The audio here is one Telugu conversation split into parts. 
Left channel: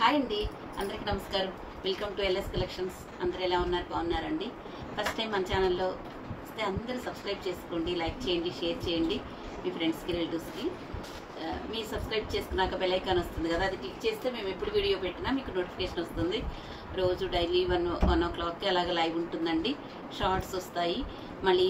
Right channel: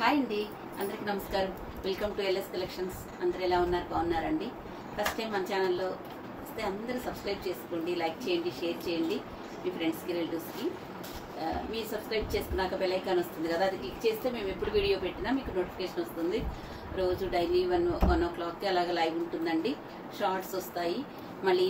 హాయ్ అండి, అందరికి నమస్కారం. Welcome to LS collections. అందరు ఎలా ఉన్నారు? బాగున్నారండి? ఫస్ట్ టైం మన ఛానల్లో వస్తే అందరూ సబ్స్క్రైబ్ చేసుకోండి, లైక్ చేయండి, షేర్ చేయండి మీ ఫ్రెండ్స్కి, రిలేటివ్స్కి. మీరు సబ్స్క్రైబ్ చేసుకున్నాక బెల్ ఐకాన్ వస్తుంది కదా, అది క్లిక్ చేస్తే మేము ఎప్పుడు వీడియో పెట్టినా మీకు నోటిఫికేషన్ వస్తుంది. రోజు డైలీ 1 o'clockకి అలాగే లైవ్ ఉంటుందండి. షార్ట్స్ వస్తాయి, మళ్ళీ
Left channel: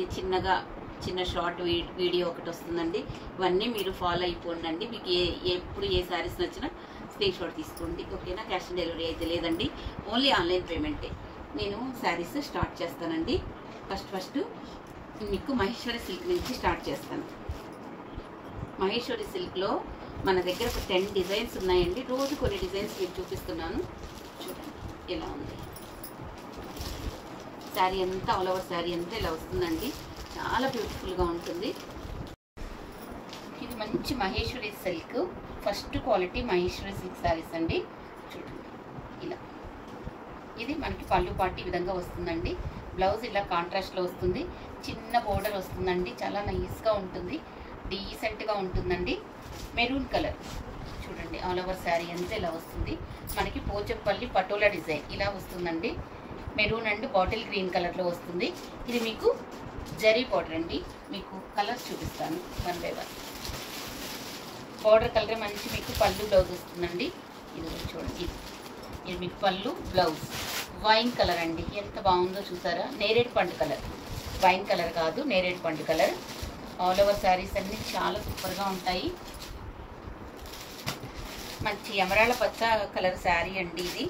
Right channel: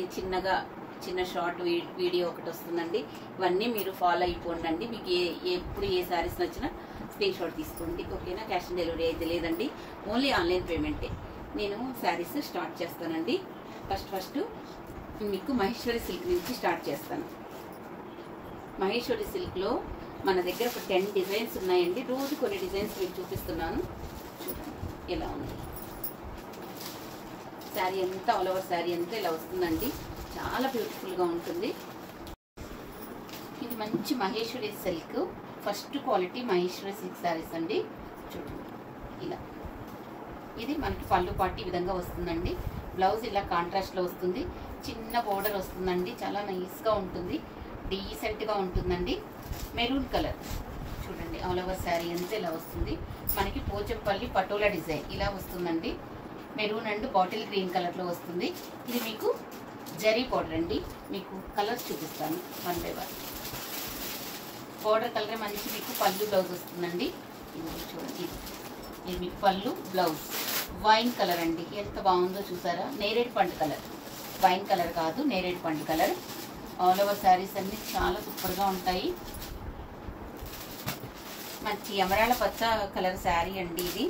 చిన్న షార్ట్ వీడియో ఒకటి వస్తుందండి. ఇవన్నీ మీరు ఫాలో అయిపోండి. మీకు ఎప్పుడు ఏ శారీస్ నచ్చినా స్క్రీన్ షాట్ తీసుకోండి, ఓకేనా? క్యాష్ ఆన్ డెలివరీ అయితే లేదండి, ఓన్లీ ఆన్లైన్ పేమెంటే. నేను శారీస్ స్టార్ట్ చేస్తానండి. ఫస్ట్ మీకు మహేశ్వరి సిల్క్ నుంచి స్టార్ట్ చేస్తాను. మహేశ్వరి సిల్క్లో మన దగ్గర ఒక 10 డిజైన్స్ ఉన్నాయండి. రోజు కొన్ని డిజైన్స్ మీకు చూపిస్తున్నాను. చూడండి ఎలా ఉంది శారీ అంతా, ఆల్ ఓవర్ శారీ అంతా ఇలా వస్తుందండి. చాలా బ్యూటిఫుల్గా ఉంటుంది. ఇది మంచి Maheshwari silk, first quality Maheshwari silk saris అండి. చూడండి ఇలా, ఇది మనకి పళ్ళు పాటు ఈ విధంగా వస్తుందండి. బ్లౌజ్ ఇలా కాంట్రాస్ట్లో వస్తుంది, చిన్న బోర్డర్ వస్తుందండి. చాలా నైస్గా ఉంటుంది, డీసెంట్గా ఉంటుందండి. మెరూన్ కలర్ చూడండి, ఆల్ ఓవర్ శారీ అంతా ఇలా వస్తుంది. మనకి పోచంపల్లి పటోలా డిజైన్ ఇలా వస్తుందండి. మెరూన్ అండ్ బాటిల్ గ్రీన్ కలర్లో వస్తుంది. ఇది మీకు జరీ బార్డర్ అండి. మీకు కలర్స్ చూపిస్తాను 1 by 1. బార్డర్ కలర్ మంచి మీకు పళ్ళు బ్లౌజ్ వస్తుందండి. ఇది చూడండి, ఇది మీకు పళ్ళు బ్లౌజ్ వైన్ కలర్ అండి. ఎంత బాగుందో చూసారా? నేరేడు పండు కలర్, వైన్ కలర్ కాదు, నేరేడు పండు కలర్. ఆల్ ఓవర్ శారీస్ అన్ని చాలా సూపర్గా ఉంటాయి. మంచి ఎమరాళ్ళ పచ్చ కలర్ శారీ అండి. ఇది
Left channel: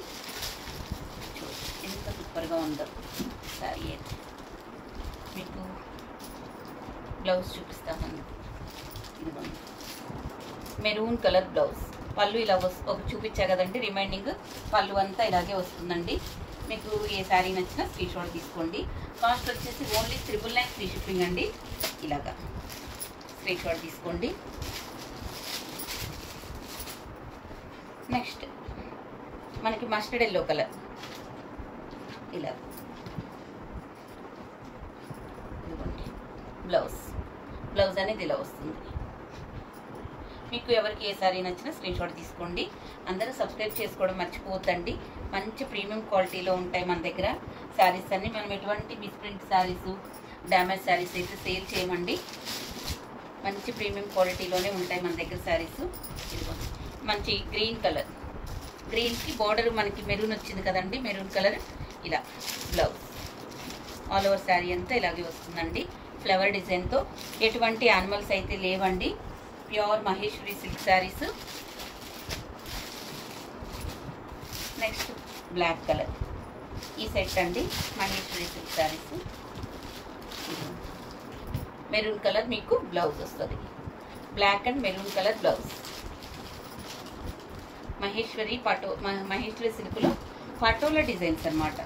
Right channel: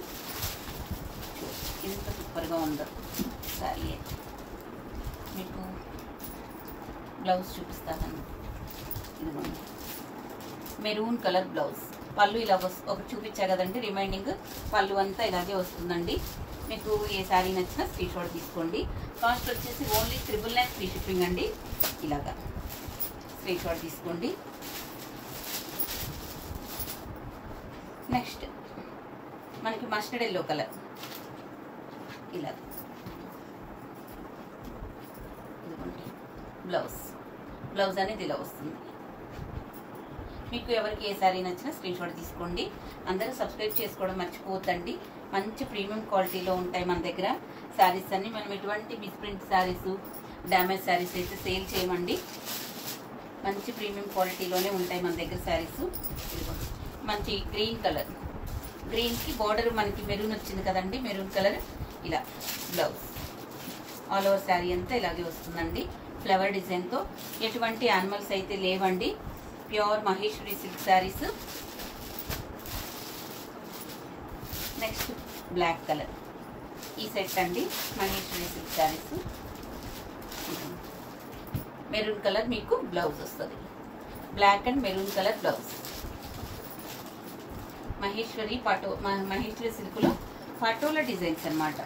చూడండి ఎంత సూపర్గా ఉందో శారీ. అయితే మీకు బ్లౌజ్ చూపిస్తాను. ఇదిగోండి మెరూన్ కలర్ బ్లౌజ్, పళ్ళు ఇలా ఒకటి చూపించా కదండి. రిమైనింగ్ పళ్ళు అంతా ఇలాగే వస్తుందండి. మీకు ఏ శారీ నచ్చినా స్క్రీన్ షాట్ తీసుకోండి. కాస్ట్ వచ్చేసి ఓన్లీ 999 ఫ్రీ షిప్పింగ్ అండి. ఇలాగా స్క్రీన్ షాట్ తీసుకోండి. నెక్స్ట్ మనకి మస్టర్డ్ ఎల్లో కలర్, ఇలా ఇదిగోండి బ్లౌజ్ అనేది ఇలా వస్తుంది. మీకు ఎవరికి ఏ శారీ నచ్చినా స్క్రీన్ షాట్ తీసుకోండి. అందరూ సబ్స్క్రైబ్ చేసుకోవడం మర్చిపోవద్దండి. మంచి ప్రీమియం క్వాలిటీలో ఉంటాయి మన దగ్గర శారీస్ అన్ని. మనం ఎటువంటి మిస్ప్రింట్ శారీస్, డ్యామేజ్ శారీస్ అయితే సేల్ చేయమండి. మంచి ప్రీమియం క్వాలిటీలోనే ఉంటాయి మన దగ్గర శారీస్. మంచి గ్రీన్ కలర్, గ్రీన్కి బార్డర్ మనకి మెరూన్ వచ్చింది కదండి, మెరూన్ కలర్. ఇలా బ్లౌజ్ ఆల్ ఓవర్ శారీ అంతా ఇలాగే వస్తుందండి. ఫ్లవర్ డిజైన్తో, ఎటువంటి యానిమల్స్ అయితే లేవండి. Pure Maheshwari silk saris. Next black colour, ఈ సెట్ అండి Maheshwari silk saris. Maroon colour మీకు బ్లౌజ్ వస్తుంది, black and maroon colour blouse. Maheshwari సిల్క్లో పటోలా డిజైన్స్ అన్నమాట.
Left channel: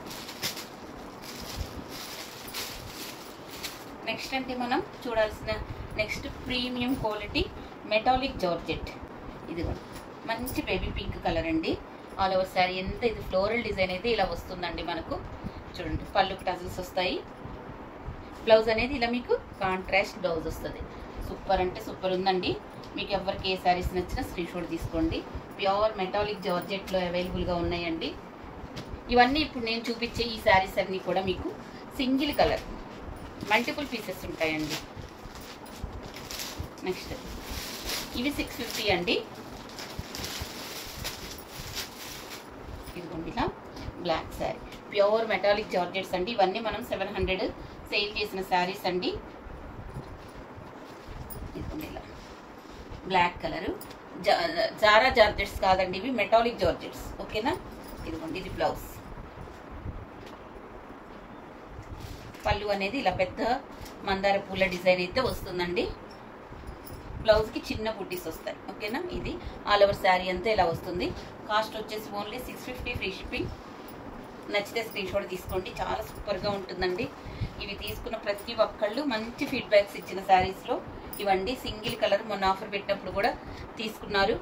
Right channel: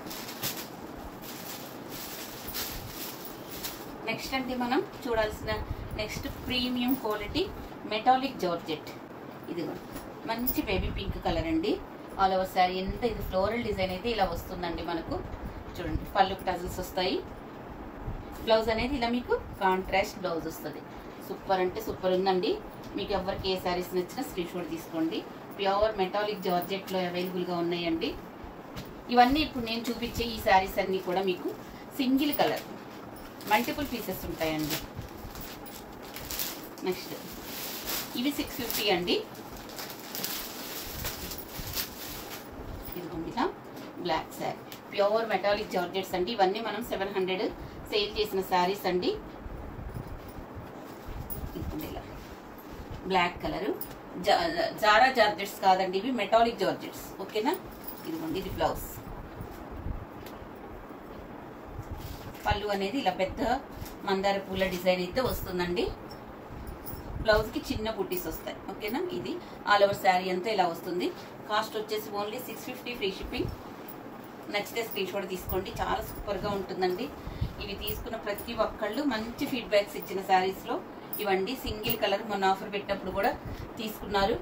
నెక్స్ట్ అంటే మనం చూడాల్సిన next premium quality metallic georgette. ఇదిగోండి మంచి బేబీ పింక్ కలర్ అండి. ఆల్ ఓవర్ శారీ ఎంత, ఇది ఫ్లోరల్ డిజైన్ అయితే ఇలా వస్తుందండి మనకు. చూడండి పళ్ళుకి టజల్స్ వస్తాయి. బ్లౌజ్ అనేది ఇలా మీకు కాంట్రాస్ట్ బ్లౌజ్ వస్తుంది. సూపర్ అంటే సూపర్ ఉందండి. మీకు ఎవరికి ఏ శారీస్ నచ్చినా స్క్రీన్ షాట్ తీసుకోండి. ప్యూర్ మెటాలిక్ జార్జెట్లో అవైలబుల్గా ఉన్నాయండి. ఇవన్నీ ఇప్పుడు నేను చూపించే ఈ శారీస్ అన్నీ కూడా మీకు సింగిల్ కలర్, మల్టిపుల్ పీసెస్ ఉంటాయండి. నెక్స్ట్ ఇవి 650 అండి. ఇదిగోండి ఇలా black sari, pure metallic georgettes అండి. ఇవన్నీ మనం 700 సేల్ చేసిన శారీస్ అండి. ఇదిగోండి ఇలా బ్లాక్ కలరు, జారా జార్జెట్స్ కాదండి, ఇవి మెటాలిక్ జార్జెట్స్, ఓకేనా? ఇదిగోండి ఇది బ్లౌజ్. పళ్ళు అనేది ఇలా పెద్ద మందార పూల డిజైన్ అయితే వస్తుందండి. బ్లౌజ్కి చిన్న బుట్టీస్ వస్తాయి, ఓకేనా? ఇది ఆల్ ఓవర్ శారీ అంతా ఇలా వస్తుంది. కాస్ట్ వచ్చేసి ఓన్లీ 650 ఫ్రీ షిప్పింగ్. నచ్చితే స్క్రీన్ షాట్ తీసుకోండి. చాలా సూపర్గా ఉంటుందండి. ఇవి తీసుకున్న ప్రతి ఒక్కళ్ళు మంచి ఫీడ్బ్యాక్స్ ఇచ్చిన శారీస్లో ఇవండి. సింగిల్ కలర్ మొన్న ఆఫర్ పెట్టినప్పుడు కూడా తీసుకున్నారు.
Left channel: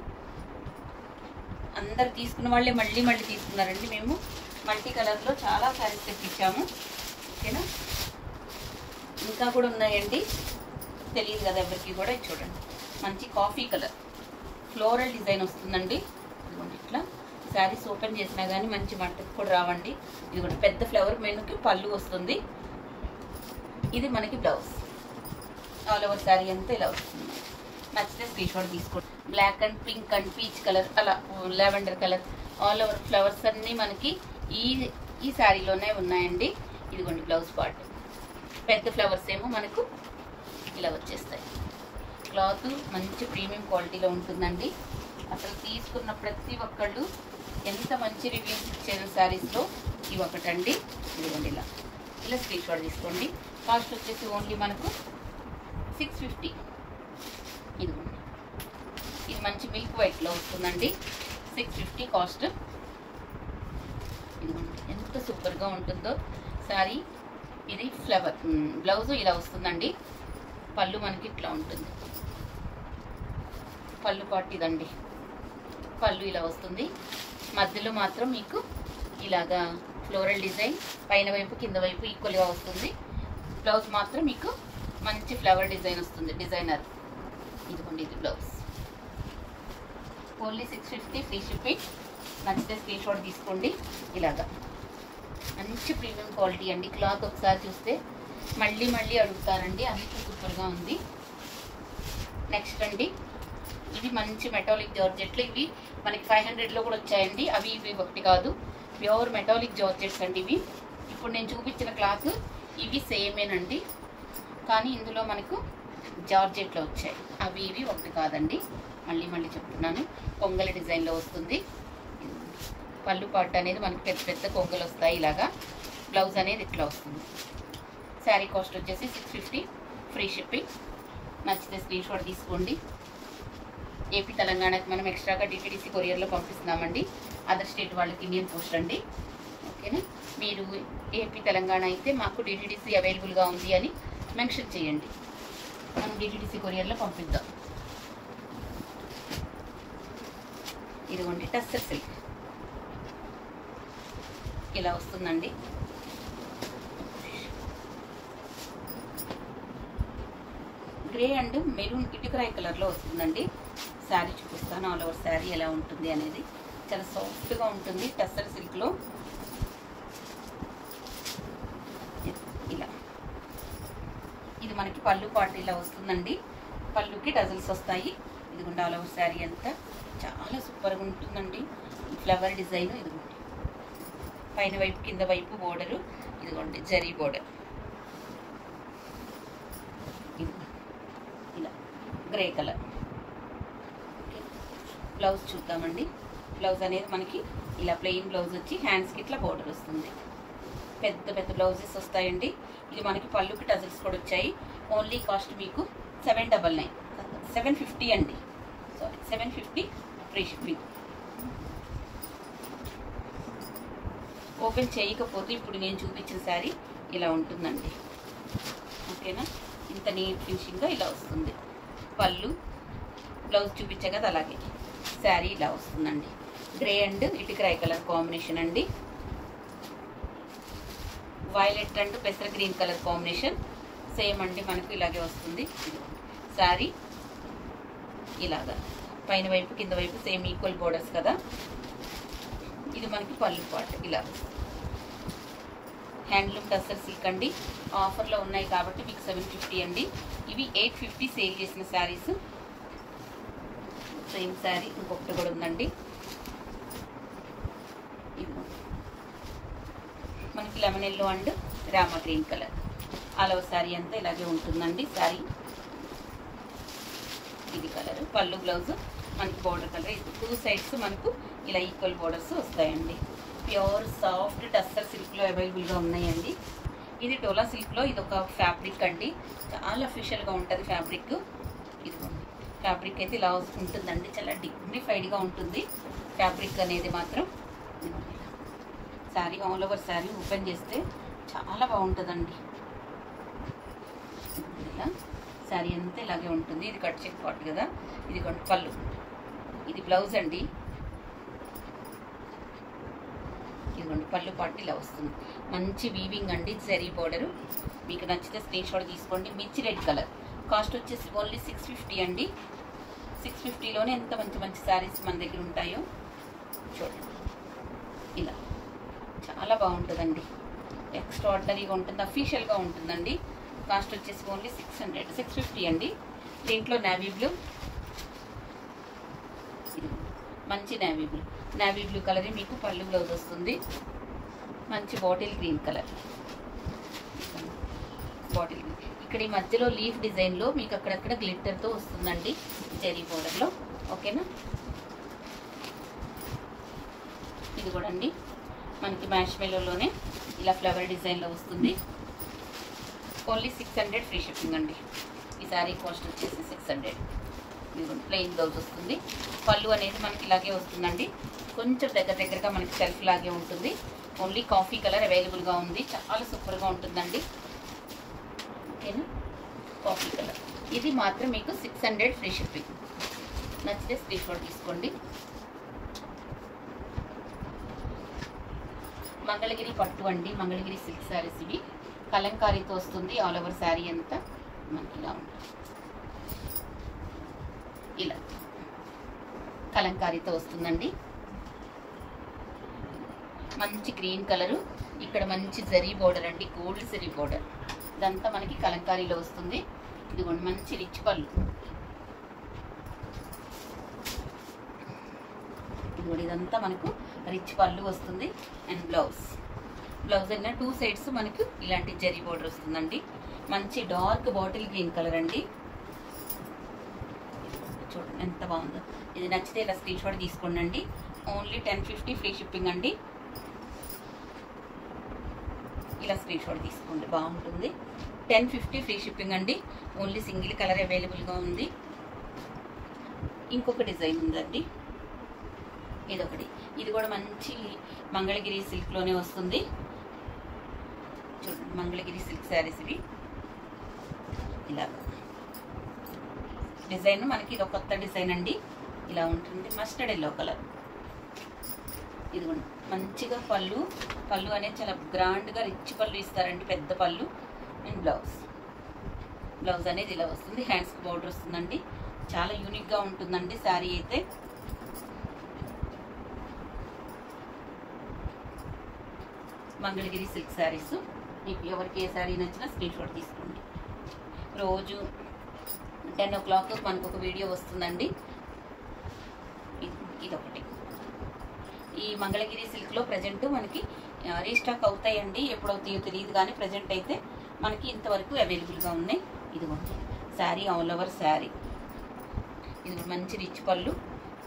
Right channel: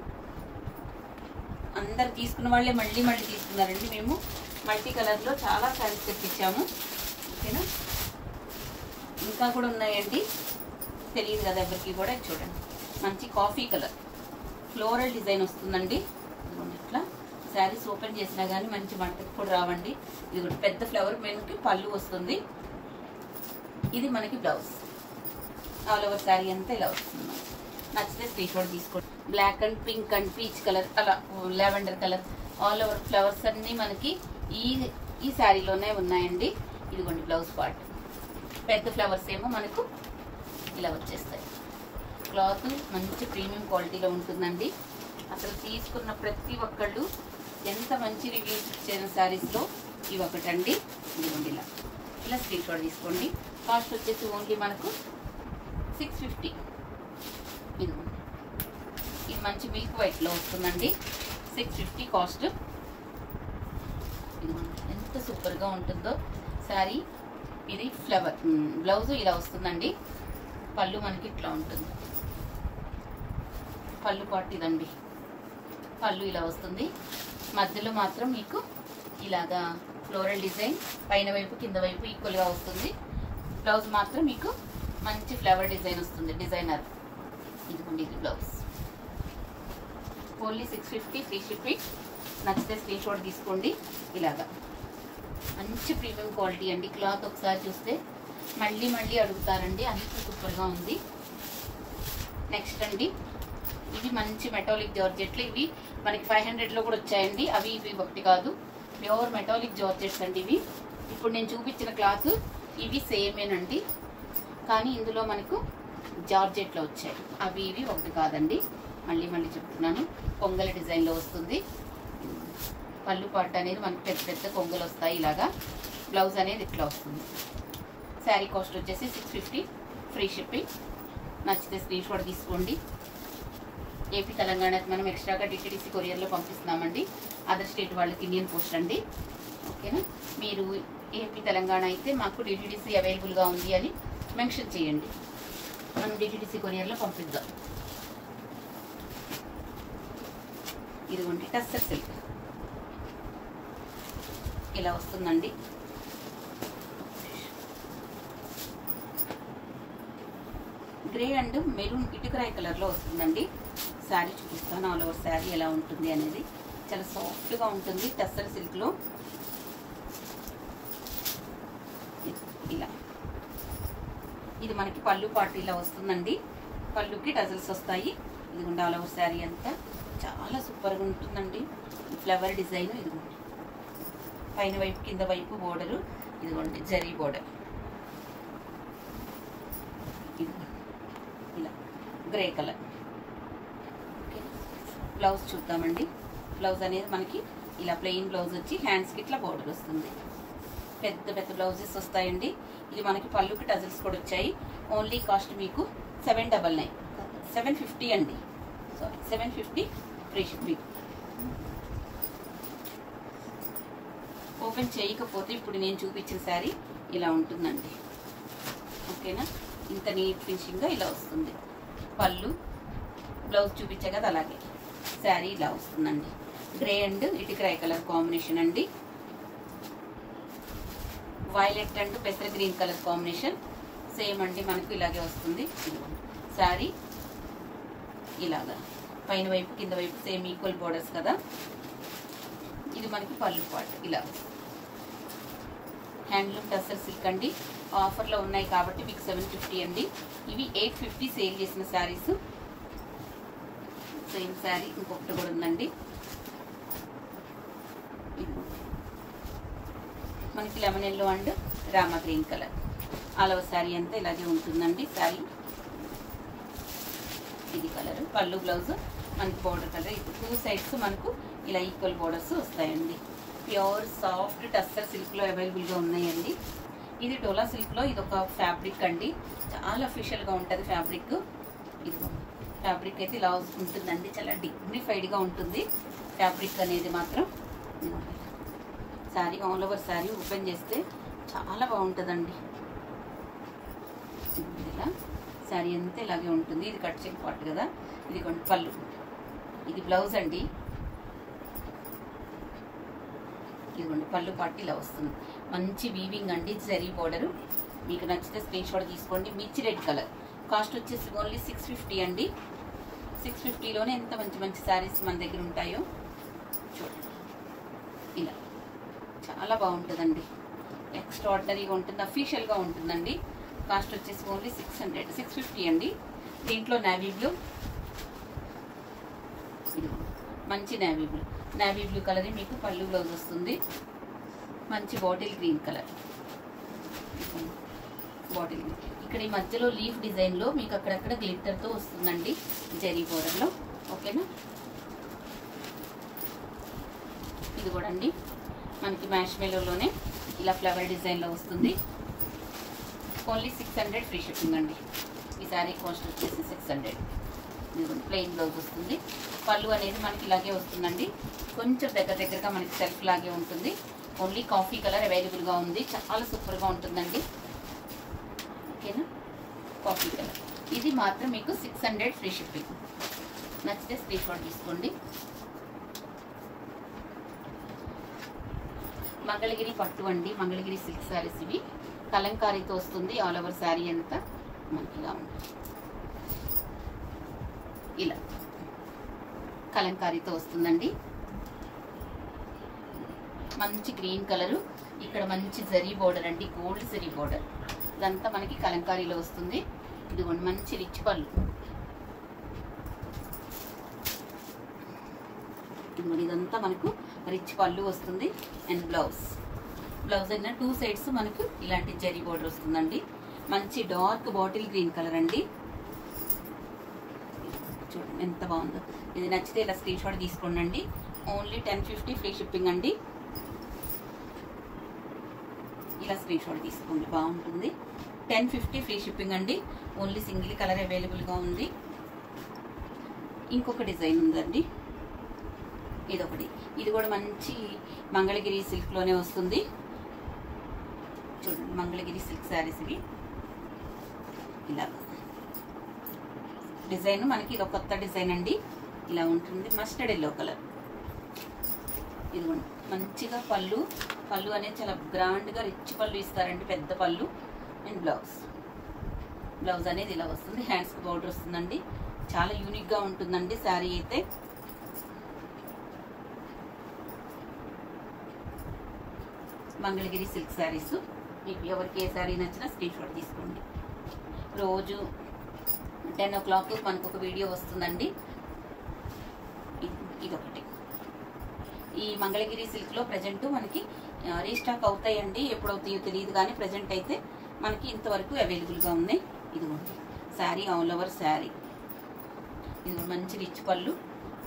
అందరు తీసుకున్న వాళ్ళే మళ్ళీ తీసుకున్నారండి. మేము మల్టీ కలర్లో చాలా శారీస్ తెప్పించాము, ఓకేనా? ఇంకా కూడా ఉన్నాయండి, తెలియదు కదా ఎవరికి కూడా. చూడండి మంచి కాఫీ కలర్ ఫ్లోరల్ డిజైన్ వస్తుందండి. ఇట్లా శారీస్ ఓపెన్ చేసినా కానీ మంచి మంటకు కూడా రావండి. ఇది కూడా పెద్ద ఫ్లవర్ మెనుకి పళ్ళు వస్తుంది. ఇది మనకి బ్లౌజ్. ఆల్ ఓవర్ శారీ అంతా ఇలా వస్తుంది. నచ్చితే స్క్రీన్ షాట్ తీసుకోండి. Black and pink and peach colour, అలా lavender colour, all over flowers అన్ని మనకి ఈ శారీలోనే ఉన్నాయండి. ఇదిగోండి బ్లౌజ్ పార్ట్. పెద్ద ఫ్లవర్స్ ఏమో మనకు ఇలా వచ్చేస్తాయి. క్లాత్ మంచి ప్రీమియం క్వాలిటీలో ఉంటుందండి. అసలు తీసుకున్న ప్రతి ఒక్కళ్ళు ఎంత మంచి రివ్యూస్ ఇచ్చారు శారీస్లో ఇవి ఒకటండి. ఇదిగోండి ఇలా స్క్రీన్ షాట్ తీసుకోండి. కాస్ట్ వచ్చేసి ఓన్లీ మనకు 650. ఇదిగోండి, ఇది మంచి మిల్క్ వైట్లో వస్తుందండి. 650 కాస్ట్. ఇదిగోండి ఎంత సూపర్గా ఉంటుందో శారీ. ఇది ఫ్లవర్ బ్లౌజ్ ఇలా వస్తుందండి. పళ్ళు మనకి ఇట్లా ఉంటుంది. పళ్ళు పాటు ఇదండి. పళ్ళు ఇలా వస్తుంది. మధ్యలో మాత్రం మీకు ఇలాగా ఫ్లోరల్ డిజైన్ పైన వైపు కింద వైపు ఈక్వల్గా వస్తుంది. బ్లౌజ్ మాత్రం మీకు మంచి ఫ్లవర్ డిజైన్ వస్తుంది, డిజైనర్. ఇదిగోండి ఇది బ్లౌజ్. Only 650 free shipping. నచ్చితే స్క్రీన్ షాట్ తీసుకోండి. ఇలాగా మంచి ప్రీమియం క్వాలిటీ అండి. క్లాత్ ఒకసారి చూస్తే మళ్ళీ మళ్ళీ అడుగుతారండి, అంత సూపర్గా ఉంది. నెక్స్ట్ అండి, ఇవి మంచి మెటాలిక్ జార్జెట్లు. ఇవి మనకి 500లో కూడా వచ్చాయండి. అవి ఇవి ఒకటి కాదు, ప్యూర్ మెటాలిక్ జార్జెట్స్ అండి ఇవి. ఇప్పుడు నేను చూపించిన క్లాత్ ఇవి సేమేనండి, కానీ ఇందులో మనకు జార్జెట్లో వచ్చాయి. అవి ఇవి ఒకటి కాదండి. మళ్ళీ మళ్ళీ చెప్తున్నాను. కొంగల డిజైన్లో వస్తుంది. పళ్ళు పాటు అనేది మనకు పెద్ద పెద్ద కొంగలు వస్తాయి ఇలాగా. బ్లౌజ్ అనేది ఇట్లా వస్తుంది. శారీ కాస్ట్ వచ్చేసి 650 ఫ్రీ షిప్పింగ్. నచ్చితే స్క్రీన్ షాట్ తీసుకోండి. ఏపీ తెలంగాణకి మనం ఎక్స్ట్రాగా డిటిడిసి కొరియర్లో పంపిస్తున్నామండి. అదర్ స్టేట్ వాళ్ళకి ఇండియన్ పోస్ట్ అండి. ఓకేనా? మీరు ఏపీ తెలంగాణ అయితే మాకు డిటిడిసి అవైలబుల్గా ఉంది అని మెన్షన్ చేయండి, మనం డిటిడిసి కొరియర్లో పంపిద్దాం. ఇదిగోండి టస్సర్ సిల్క్ ఇలా వస్తుందండి. గ్రే అండ్ మెరూన్ ఇటుకరాయి కలర్లో వస్తుందండి. శారీ చూపిస్తాను. ఆల్ ఓవర్ శారీ ఎలా ఉంటుంది అనేది. చాలా సాఫ్ట్గా ఉంటుంది టస్సర్ సిల్క్లో. ఇలా ఇది మనకి పళ్ళు పాటు ఇలా వస్తుందండి. పళ్ళుకి టజల్స్ వస్తాయి. ఇదిగోండి ఆల్ ఓవర్ శారీ అంతా చాలా సూపర్గా ఉంటుందండి. ఫ్లవర్ డిజైన్ ఇదిగోండి, పైన వైపు కింద వైపు బోర్డరు. ఇదిగోండి జరీ బోర్డర్. ఇదిగోండి ఇలా గ్రే కలర్. బ్లౌజ్ చూద్దామండి. బ్లౌజ్ అనేది మనకి ఇలా ప్లెయిన్ బ్లౌజ్ వచ్చి హ్యాండ్స్కి ఇట్లా బోర్డర్ వస్తుంది. పెద్ద పెద్ద బ్లౌజెస్ వస్తాయండి. ఇది మనకి పళ్ళుకి టజల్స్ కూడా వచ్చాయి. ఓన్లీ కాస్ట్ మీకు 750 అండి. Sorry 750 free shipping. ఓపెన్ చేయకపోతే ఇప్పుడు నేను చూపించిన శారీ ఇలా ఉంటుందండి. ఓకేనా? ఇంత నీట్ ఫినిషింగ్గా ఇలా వస్తుంది. పళ్ళు బ్లౌజ్ చూపించే కదా అలాగే శారీ ఇలా వస్తుందండి. గ్రే అండ్ ఇటుకరాయి కలర్ కాంబినేషన్ అండి. వైలెట్ అండ్ పెసర గ్రీన్ కలర్ కాంబినేషన్ సేమ్ అండి. మనకు ఇలాగే వస్తుంది. శారీ ఇలాగా పైన వైపు కింద వైపు సేమ్ ఈక్వల్ బోర్డర్స్ కదా. ఇది మనకి పళ్ళు పార్ట్ ఇలా. హ్యాండ్లూమ్ టస్సర్ సిల్క్ అండి. ఆఫర్లో ఉన్నాయి కాబట్టి మీకు 750 అండి. ఇవి 850 సేల్ చేసిన శారీస్. సేమ్ శారీ ఇంకొకటి కూడా ఉందండి. మనకి lemon yellow and Rama green colour. All over sari అంతా ఇలాగే ఉంటుందండి. శారీ ఇది కలర్. పళ్ళు బ్లౌజ్ మనకి బోర్డర్ కలర్. ఇది 2 సైడ్స్ మనకు ఇలా ఈక్వల్ బోర్డర్స్ వస్తాయండి. ప్యూర్ సాఫ్ట్ టస్సర్ సిల్క్లో అవైలబుల్గా ఉన్నాయండి. ఇది డోలా సిల్క్లో ఇది ఒక ఫ్యాబ్రిక్ అండి. చాలా అఫీషియల్గా ఉంటుంది ఫ్యాబ్రిక్. ఇదిగోండి ఫ్యాబ్రిక్ అయితే ఇలా ఉంటుందండి. చాలా డిగ్నిఫైడ్గా ఉంటుంది ఫ్యాబ్రిక్ అనేది మాత్రం. Sari all over sari open చేస్తే చాలా బాగుంటుందండి. ఇలా శారీ అంతా ఇలాగే ఉంటుంది. ఇది కట్ చెక్ పార్ట్ కదా. ఇది పళ్ళు. ఇది బ్లౌజ్ అండి. ఇదిగోండి పళ్ళు పార్ట్ ఇలా వస్తుంది. మంచి వీవింగ్ అండి. జరీ బోర్డరు. మీకు నచ్చితే స్క్రీన్ షాట్ తీసుకోండి. మిర్చి రెడ్ కలర్. కాస్ట్ వచ్చేసి ఓన్లీ 650 అండి. 650లోనే ఎంత మంచి మంచి శారీస్ మన దగ్గర ఉంటాయో చూడండి. ఇలా చాలా బాగుంటుందండి, ఎక్స్ట్రాడినరీగా ఉంటుంది, అఫీషియల్గా ఉంటుందండి. కాస్ట్ వచ్చేసి ఓన్లీ 650 అండి. దీంట్లో నేవీ బ్లూ, మంచి నేవీ బ్లూ కలర్ మీకు పళ్ళు బ్లౌజ్ వస్తుంది. మంచి bottle green colour, bottle green. ఇక్కడ ఈ మధ్యలో లీఫ్ డిజైన్లో మీకు అక్కడక్కడ గ్లిట్టర్తో వస్తుందండి, జెరీ బోర్డర్లో. ఓకేనా, ఇది కూడా అండి మనకి మ్యాష్ మెలోలోనే ఇలా ఫ్లవర్ డిజైన్లో వస్తుంది. ఓన్లీ 600 ఫ్రీ షిప్పింగ్ అండి. ఈ శారీ కాస్ట్ వచ్చేసి 600. ఇదిగోండి ప్లెయిన్ బ్లౌజ్ వస్తుంది. పళ్ళు అనేది మనకి ఇలాగే వస్తుందండి, కొంచెం దగ్గరగా మనకి సెల్ఫ్ లాగే ఉంటుంది. ఓన్లీ కాఫీ కలర్ అవైలబుల్గా ఉంది, చాలా సూపర్గా ఉంటుందండి. ఓకేనా, కాఫీ కలర్. ఇది మాత్రం మీకు 600 ఫ్రీ షిప్పింగ్. నచ్చితే స్క్రీన్ షాట్ తీసుకోండి. మంగళగిరి పట్టు అండి, మంగళగిరి సిల్క్ శారీస్ ఇవి. కలంకారీతో వస్తుంది. ఆల్ ఓవర్ శారీ అంతా మనకి ఇలా ఉంటుంది, ఇలా కలంకారీతో వస్తుందండి. మంచి గ్రీన్ కలరు, ఇక్కడ మంచి జరీ బోర్డర్ అండి, గోల్డ్ జరీ బోర్డర్. ఇదంతా మనకి కలంకారీలో వస్తుంది. ఇదిగోండి మంచి రిచ్ పళ్ళు, ఇదిగోండి ఇదంతా మనకు రిచ్ పళ్ళు వస్తుంది. అండ్ బ్లౌజ్ అయినా 2 సైడ్స్ మనకు ఇలాంటి జరీ బోర్డర్ వస్తుందండి. మంచి డార్క్ బాటిల్ గ్రీన్ కలర్ అండి, చూడండి ఎంత బాగుందో. ఇది నచ్చితే ఇలా స్క్రీన్ షాట్ తీసుకోండి. ఓన్లీ 1050 ఫ్రీ షిప్పింగ్ అండి. ఇలా స్క్రీన్ షాట్ తీసుకోండి, బాగుంటుంది. 1050 ఫ్రీ షిప్పింగ్ అండి. ఓన్లీ సింగిల్ కలర్ అవైలబుల్గా ఉంది. ఇంకొక డిజైన్ ఉందండి, ఇదొకటి. ఇది కూడా మంచి మంగళగిరి సిల్క్లోనే వస్తుంది. చూడండి మంగళగిరి సిల్క్ శారీస్ ఇవి. ఇలా డిజైన్ మనకి ఇది కొత్త డిజైన్ అండి, ఇలా ఉంటుంది. Mustard yellow colour. ఇదిగోండి మంచిగా పళ్ళు అనేది చాలా గ్రాండ్గా రిచ్ పళ్ళు ఇస్తారండి, పెద్ద పళ్ళు. అండ్ బ్లౌజ్ అనేది ఇలా వస్తుంది. హ్యాండ్స్కి బోర్డర్ వస్తుందండి, చాలా యూనిక్గా ఉంటుందండి శారీ అయితే. మంగళగిరి సిల్క్ శారీస్. మీకు ఎవరికి ఏ శారీ నచ్చినా స్క్రీన్ షాట్ తీసుకోండి. రోజు 10 o'clock మనకు ఒక వీడియో వస్తుందండి. ఇదొకటి. ఈ మంగళగిరి సిల్క్లో ప్రజెంట్ మనకి రీస్టాక్ అవుతాయండి, ఎప్పుడవుతాయో తెలియదు కానీ ప్రజెంట్ అయితే మనకి ఇంతవరకు అవైలబుల్గా ఉన్నాయి. ఇదిగోండి శారీ, ఆల్ ఓవర్ శారీ. ఇది మంచి రిచ్ పళ్ళు,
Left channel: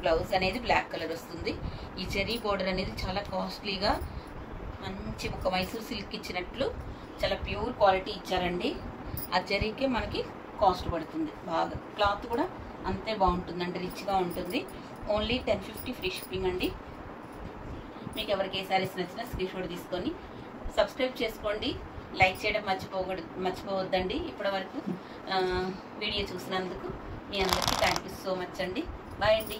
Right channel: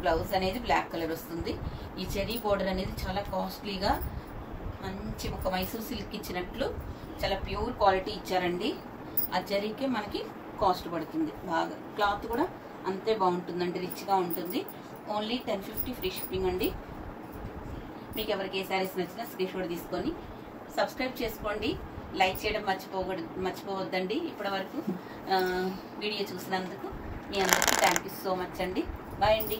బ్లౌజ్ అనేది బ్లాక్ కలర్ వస్తుంది. ఈ జెరీ బోర్డర్ అనేది చాలా కాస్ట్లీగా మంచి ఒక మైసూర్ సిల్క్ ఇచ్చినట్లు చాలా ప్యూర్ క్వాలిటీ ఇచ్చారండి. ఆ జరీకే మనకి కాస్ట్ పడుతుంది బాగా. క్లాత్ కూడా అంతే బాగుంటుందండి, రిచ్గా ఉంటుంది. ఓన్లీ 1050 ఫ్రీ షిప్పింగ్ అండి. మీకు ఎవరికి ఏ శారీస్ నచ్చినా స్క్రీన్ షాట్ తీసుకొని సబ్స్క్రైబ్ చేసుకోండి. లైక్ చేయడం మర్చిపోవద్దండి. ఇప్పటి వరకు వీడియో చూసినందుకు మీ అందరికీ థ్యాంక్ యూ సో మచ్ అండి. బాయ్ అండి.